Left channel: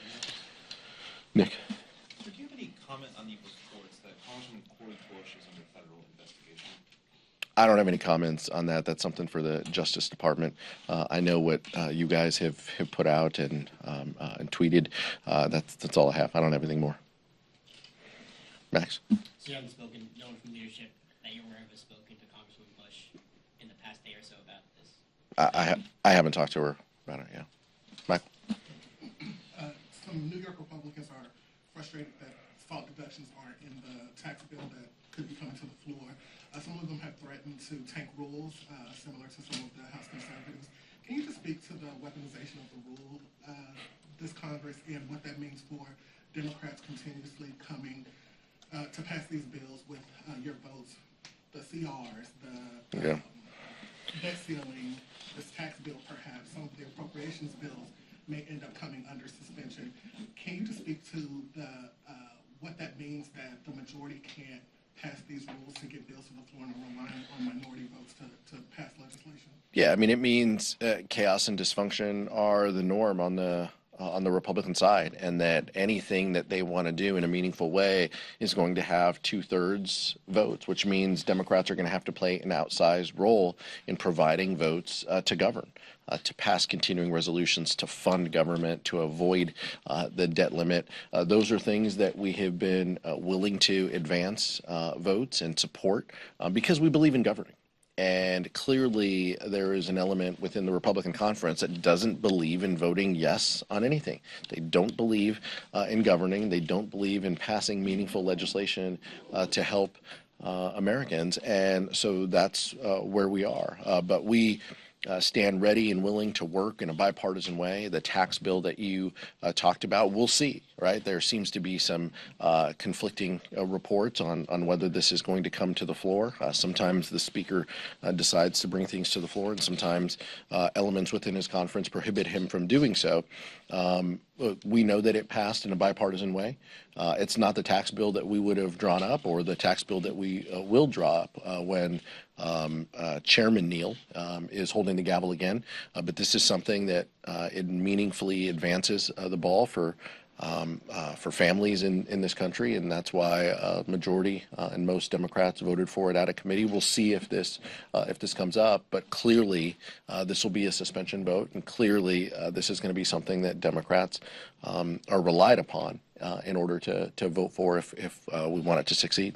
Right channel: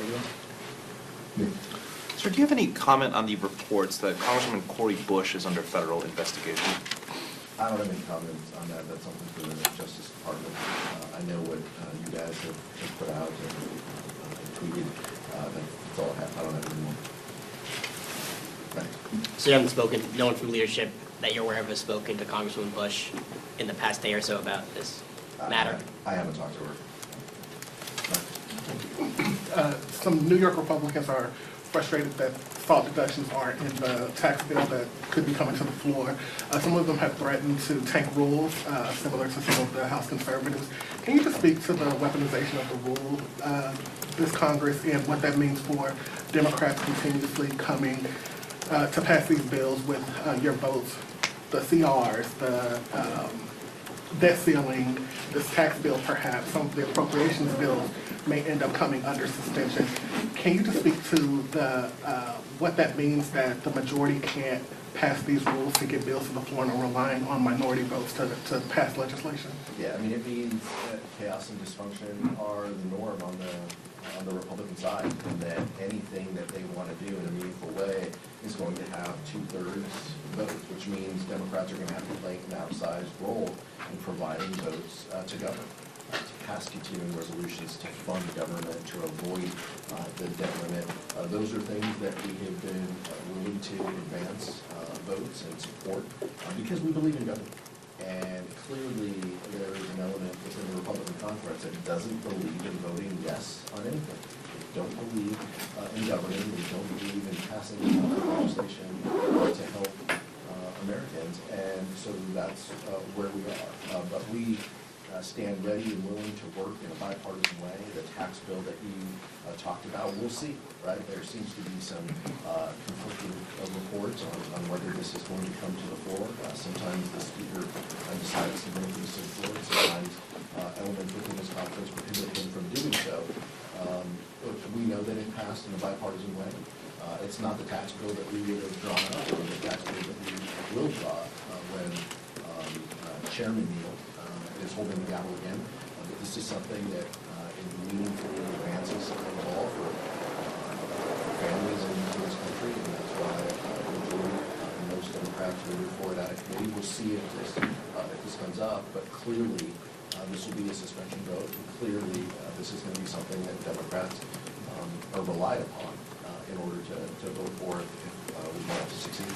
Aguilar. Nick. Sir, do you have any comment on the reports that Congresswoman Cori Bush is under federal investigation? I don't have any comments on that. That's something for the Justice Department. I know what you guys have put out and tweeted. That's all I have. I don't have anything more. Max. So you haven't spoken, no one from leadership that you're aware of has spoken to Congresswoman Bush in the past day or so about this matter? I haven't talked to her about it yet. Mike. Some New York Republicans are frustrated that fault deductions aren't in the tax bill that could be coming to the floor. Some of them have threatened to tank rules, similar to some of the House conservatives. Can you just speak to the weaponization of the rule this Congress and what that means for Democrats continuously coming to pass these bills with your votes, the CRs, the debt ceiling, this tax bill perhaps, some of the appropriations bills may end up coming under suspension. Can you just speak to the what that means that the majority can't pass these rules to get bills to the floor and are relying on minority votes to pass legislation? Yeah, I mean, it means chaos and dysfunction are the norm on the Republican side, and that anything that they want to do in a meaningful way is going to have 2/3 votes, which means Democrats are going to have to play an outsized role in providing votes to govern, to pass continuing resolutions, to fund government, to avoid the debt limit. Those are things that we have been willing to advance votes and support because we believe in government. And clearly, there is an element within the Republican conference that doesn't believe in voting yes on anything. They don't believe in governing. They don't believe in passing meaningful legislation to help Americans. And so that's where we are. But we stand ready and willing to work in a bipartisan way. The tax bill that you talked about, we'll see, right? There seems to be some conflicting reports on whether this is going to come to the floor. Sometimes the speaker decides to bring things to the floor, and sometimes elements within his conference prohibit him from doing so. We know that it passed in a bipartisan way. It's not the tax bill that we would have drawn up or the tax bill that we will draw when Chairman Neal is holding the gavel again, but this is something that it meaningfully advances the ball for families in this country, and that's why majority and most Democrats voted for it out of committee. We'll see if this comes up, but clearly this will be a suspension vote, and clearly this is going to be something that Democrats are relied upon in order to vote for if we want it to succeed.